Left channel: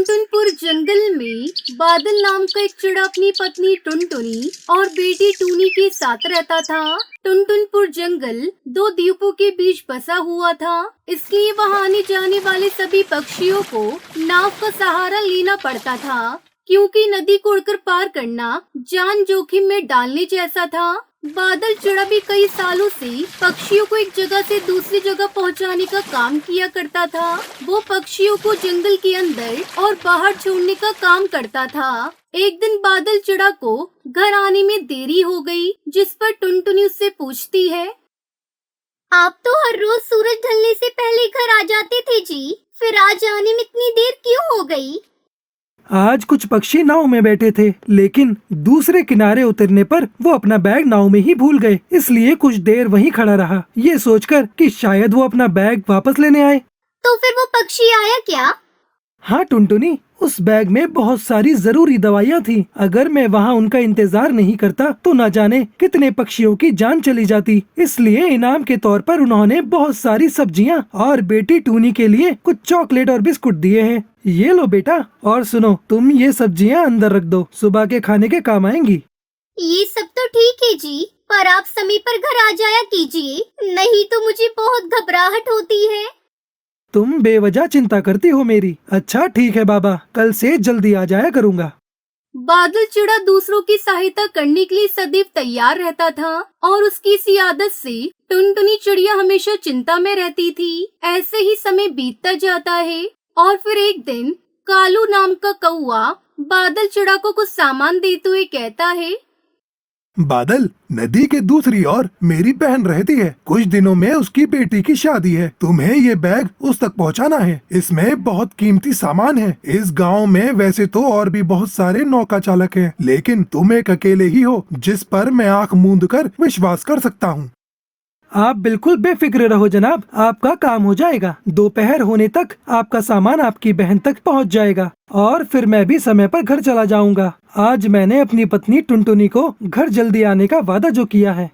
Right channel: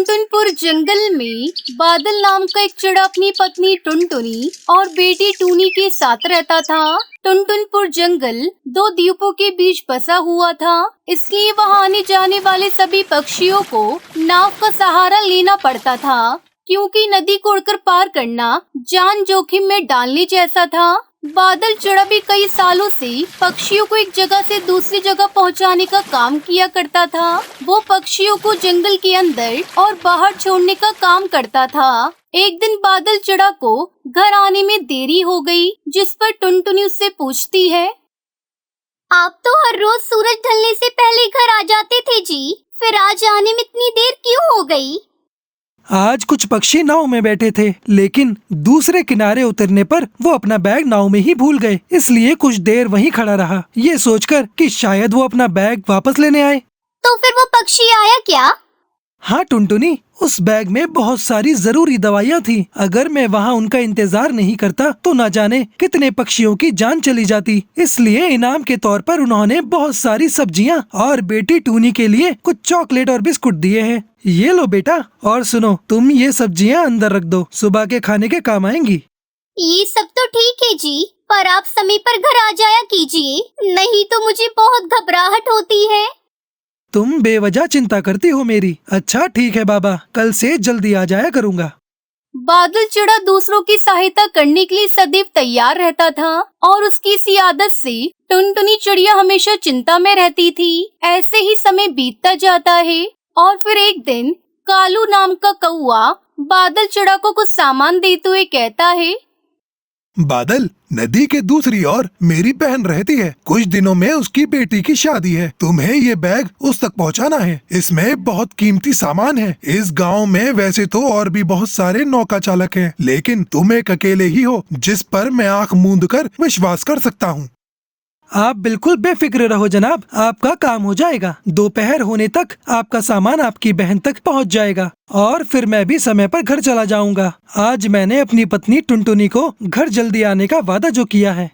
टुनटुनपुर जंगल में बादल नाम का एक चिड़ा अपनी पत्नी टुनटुनी और बेटी टूनी के साथ रहता था। टुनटुनपुर जंगल दो द्वीपों के बीच बसा हुआ था, इसलिए वहां आने जाने वाले सभी पक्षियों को नाव का सहारा लेना पड़ता था, क्योंकि नदी को उड़कर पार करना जान जोखिम में डालने जैसा था। बादल चिड़ा भी कई सालों से पक्षियों को एक जगह से दूसरी जगह पहुंचाने का काम किया करता था। वो पक्षियों को जंगल के अंदर और बाहर छोड़ने का काम करता था। एक दिन बादल चिड़ा को घर आने में देरी हो गई, जिस पर टुनटुनी उससे पूछती है, आप तो हर रोज सूरज ढलने से पहले घर आ जाते थे जी, फिर आज आने में इतनी देर क्यों हो गई? आज कुछ पक्षी नाव में बैठे थे, लेकिन दूसरे किनारे उतरने पर वो अपना बैग नाव में ही भूल गए, इसलिए कुछ देर वहीं खड़ा रहा, ये सोचकर कि शायद वो अपना बैग वापस लेने आए। तो फिर वो पक्षी आया क्या? हाँ टुनटुनी, उस बैग में बहुत सारी जरूरी दवाइयाँ थी। अगर मैं वहाँ उनका इंतजार नहीं करता तो न जाने कितने पक्षियों की जान चली जाती। इसलिए इनाम के तौर पर उन्होंने बहुत सारी सब्जियाँ और बेटी टूनी के लिए कुछ चॉकलेट और बिस्कुट दिए हैं। ये लो बेटा, और सुनो, तुम ये सब्जियाँ अंदर रख दो, सुबह के खाने के काम आएंगी। ये सब तो ठीक है जी, पर आप समय पर घर आ जाया कीजिए, नहीं तो मुझे बहुत घबराहट होती है। तुम बेवजह चिंता करती हो मेरी। अच्छा ठीक है बाबा, कल से जल्दी आ जाया करूँगा। बादल चिड़ा दूसरों की सहायता करने के लिए सदैव तैयार रहता था और उसकी इसी आदत से टुनटुनी चिड़िया हमेशा चिंता में रहती थी। ऐसे ही समय बीतता जाता है और फिर एक दिन कालू नाम का कौआ बादल चिड़ा को कुछ सामान देते हुए कहता है, बादल, नदी के दूसरी ओर मेरी बहन रहती है। कुछ दिनों में उसकी बेटी की शादी है। तुम्हें ये बैग उस तक पहुंचाना है। इसमें बहुत कीमती सामान है। इस गांव में वैसे तो और भी बहुत सारे नौका चालक हैं, लेकिन तुम एक अकेले ही हो जिस पर मैं आंख मूंद कर विश्वास कर सकता हूँ। आप बिल्कुल बेफिक्र रहो जनाब, आपका काम हो जाएगा। दोपहर होने तक आपका सामान आपकी बहन तक पहुंच जाएगा और फिर मैं भी समय पर घर चला जाऊंगा। आज मैंने अपनी पत्नी टुनटुनी को घर जल्दी आने का वादा जो किया है।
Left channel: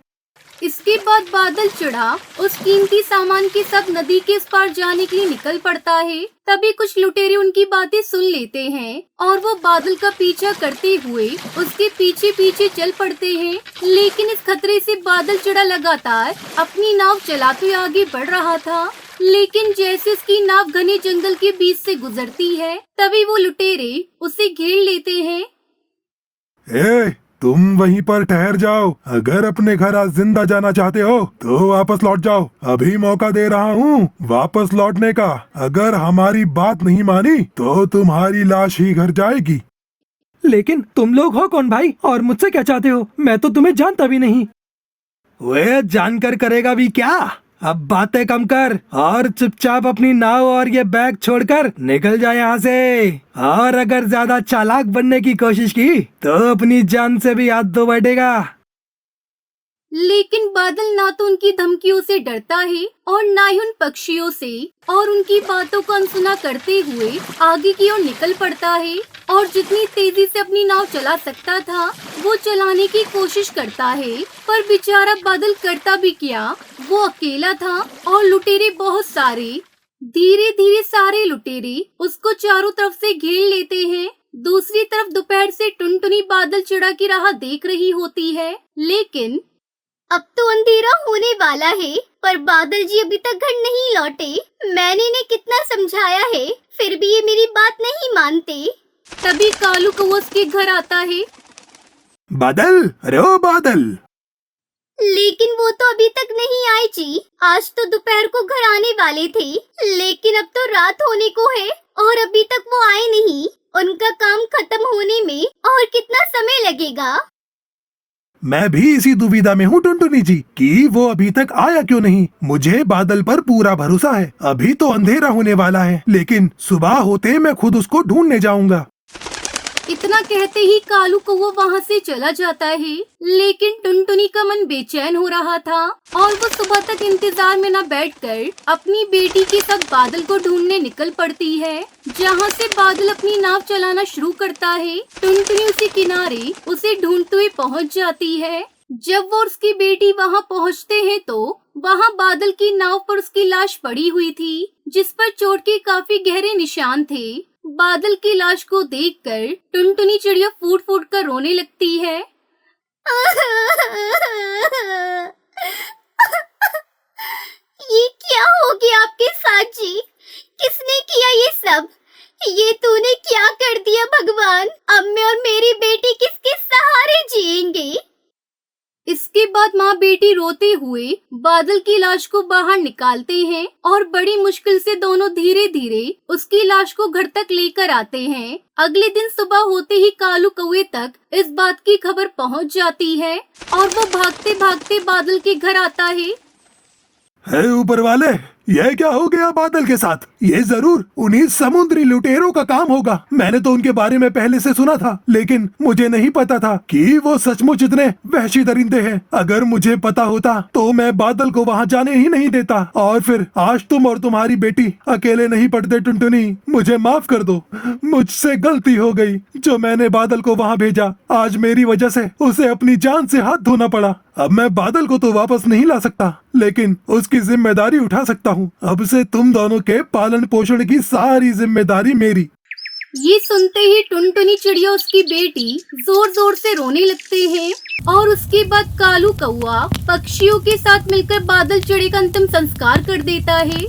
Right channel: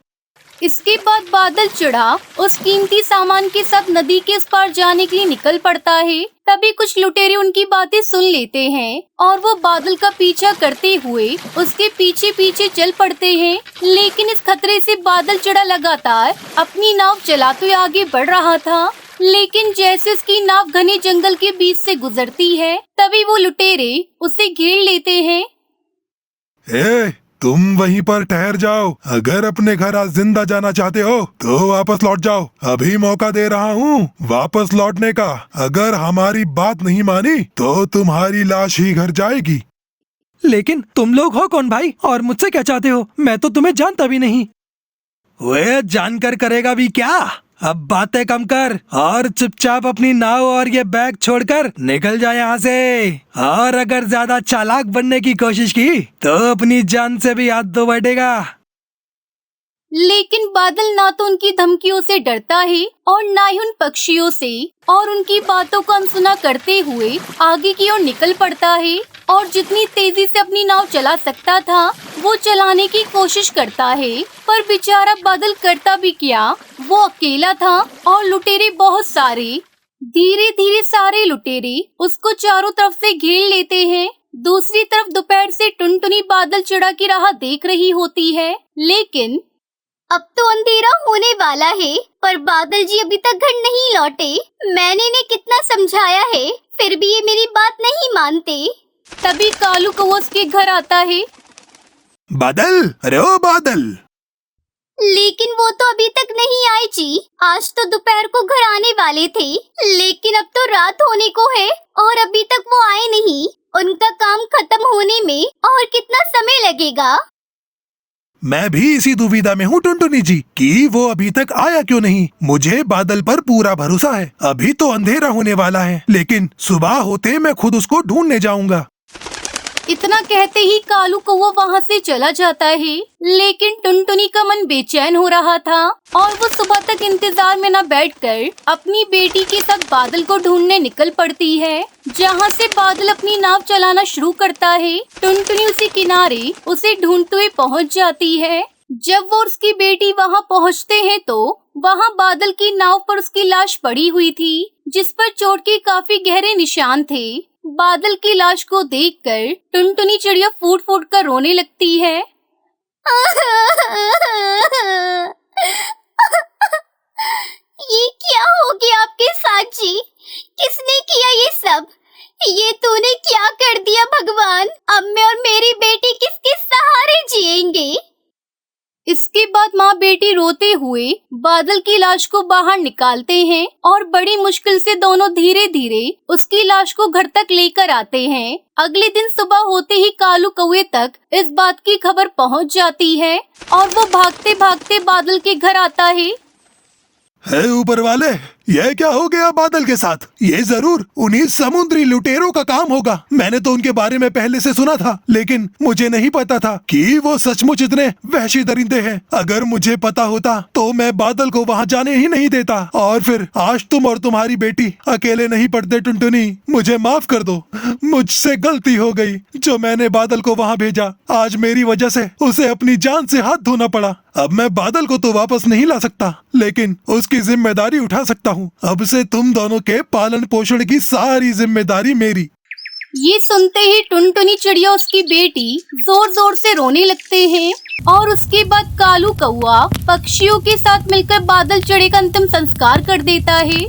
इसके बाद बादल चिड़ा उस कीमती सामान के साथ नदी के उस पार जाने के लिए निकल पड़ता है। तभी कुछ लुटेरे उनकी बातें सुन लेते हैं और वो बादल का पीछा करते हुए उसके पीछे पीछे चल पड़ते हैं। लेकिन इस खतरे से बादल चिड़ा लगातार अपनी नाव चलाते आगे बढ़ रहा था। लेकिन जैसे उसकी नाव घने जंगल के बीच से गुजरती है, तभी वो लुटेरे उसे घेर लेते हैं। तुम वहीं पर ठहर जाओ। अगर अपने घर आज जिंदा जाना चाहते हो तो वापस लौट जाओ। अभी मौका दे रहा हूँ वापस लौटने का। अगर हमारी बात नहीं मानी तो तुम्हारी लाश ही घर जाएगी। लेकिन तुम लोग हो कौन भाई, और मुझसे क्या चाहते हो? मैं तो तुम्हें जानता भी नहीं। वे जानकर करेगा भी क्या? अब बातें कम कर और चुपचाप अपनी नाव और ये बैग छोड़कर निकल जाए यहाँ से। और अगर ज्यादा चालाक बनने की कोशिश की तो अपनी जान से भी हाथ धो बैठेगा। लेकिन बादल ना तो उनकी धमकियों से डरता है और ना ही उन पक्षियों से, और उनकी बातों को अनसुना करते हुए आगे की ओर निकल पड़ता है और जितनी तेजी से अपनी नाव चला सकता था वो चलाने की कोशिश करता है। पर बेचारा बादल करता भी क्या, वो अकेला था और लुटेरे बहुत सारे। धीरे धीरे सारे लुटेरे उसको चारों तरफ से घेर लेते हैं। दूसरी तरफ दोपहर से टुनटुनी बादल चिड़ा की राह देख रही होती है, लेकिन अब तो अंधेरा होने वाला है, पर बादल जी अभी तक घर नहीं लौटे। मैंने इन्हें कितना समझाया है, फिर भी ये मेरी बात नहीं मानते। तभी कालू को उसके घर आता है। बादल, अरे ओ बादल। लेकिन वो तो अभी तक नहीं आए जी। आज तो दोपहर को घर आने वाले थे, लेकिन अब तो रात होने को है और अभी तक वो आए नहीं। उनका काम खत्म होने में और कितना समय लगेगा? मैं भी इसी दुविधा में हूँ टुनटुनी जी कि वो अभी तक आया क्यों नहीं। मुझे बादल पर पूरा भरोसा है। अभी तो अंधेरा होने वाला है, लेकिन सुबह होते मैं खुद उसको ढूंढने जाऊंगा। इतना कहते ही कालू कौवा वहाँ से चला जाता है। लेकिन टुनटुनी का मन बेचैन हो रहा था और वो सुबह तक इंतजार में न बैठकर अपनी बेटी के साथ बादल को ढूंढने निकल पड़ती है। जहाँ से बादल अपनी नाव चलाना शुरू करता है, टुनटुनी उसी किनारे उसे ढूंढते हुए पहुँच जाती है। जब वो उसकी बेटी वहाँ पहुँचते हैं तो वहाँ बादल की नाव पर उसकी लाश पड़ी हुई थी, जिस पर चोट के काफी गहरे निशान थे। बादल की लाश को देखकर टुनटुनी चिड़िया फूट फूट कर रोने लगती है। ये क्या हो गया आपके साथ जी? किसने किया ये सब? ये तूने क्या कर दिया भगवान? अब मैं और मेरी बेटी किसके सहारे जिएंगे? इसके बाद माँ बेटी रोते हुए बादल की लाश को बाहर निकालते हैं और बड़ी मुश्किल से दोनों धीरे धीरे उसकी लाश को घर तक लेकर आते हैं। अगले दिन सुबह होते ही कालू कौवे तक इस बात की खबर पहुँच जाती है और वो भागते भागते बादल के घर आता है। ऊपर वाले, यह क्या हो गया बादल के साथ? ये जरूर उन्हीं समुद्री लुटेरों का काम होगा। मैंने तो उनके बारे में पहले से सुना था, लेकिन मुझे नहीं पता था कि वो सचमुच इतने वहशी दरिंदे हैं। अगर मुझे पता होता तो मैं बादल को वहाँ जाने ही नहीं देता। और फिर आज तुम और तुम्हारी बेटी अकेले नहीं पड़ते। टुनटुनी, मुझे माफ कर दो, मुझसे गलती हो गई जो मैंने बादल को वहाँ भेजा। आज मेरी वजह से उसे अपनी जान से हाथ धोना पड़ा। अब मैं बादल को तो वापस नहीं ला सकता, लेकिन उसकी जिम्मेदारी उठा सकता हूँ। अब से तुम दोनों के पालन पोषण की सारी जिम्मेदारी मेरी। ये सुनते ही टुनटुनी चिड़िया उसकी बेटी जोर जोर से रोने लगते हैं और उसके बाद कालू कौवा पक्षियों के साथ मिलकर बादल चिड़े का अंतिम संस्कार कर देता है।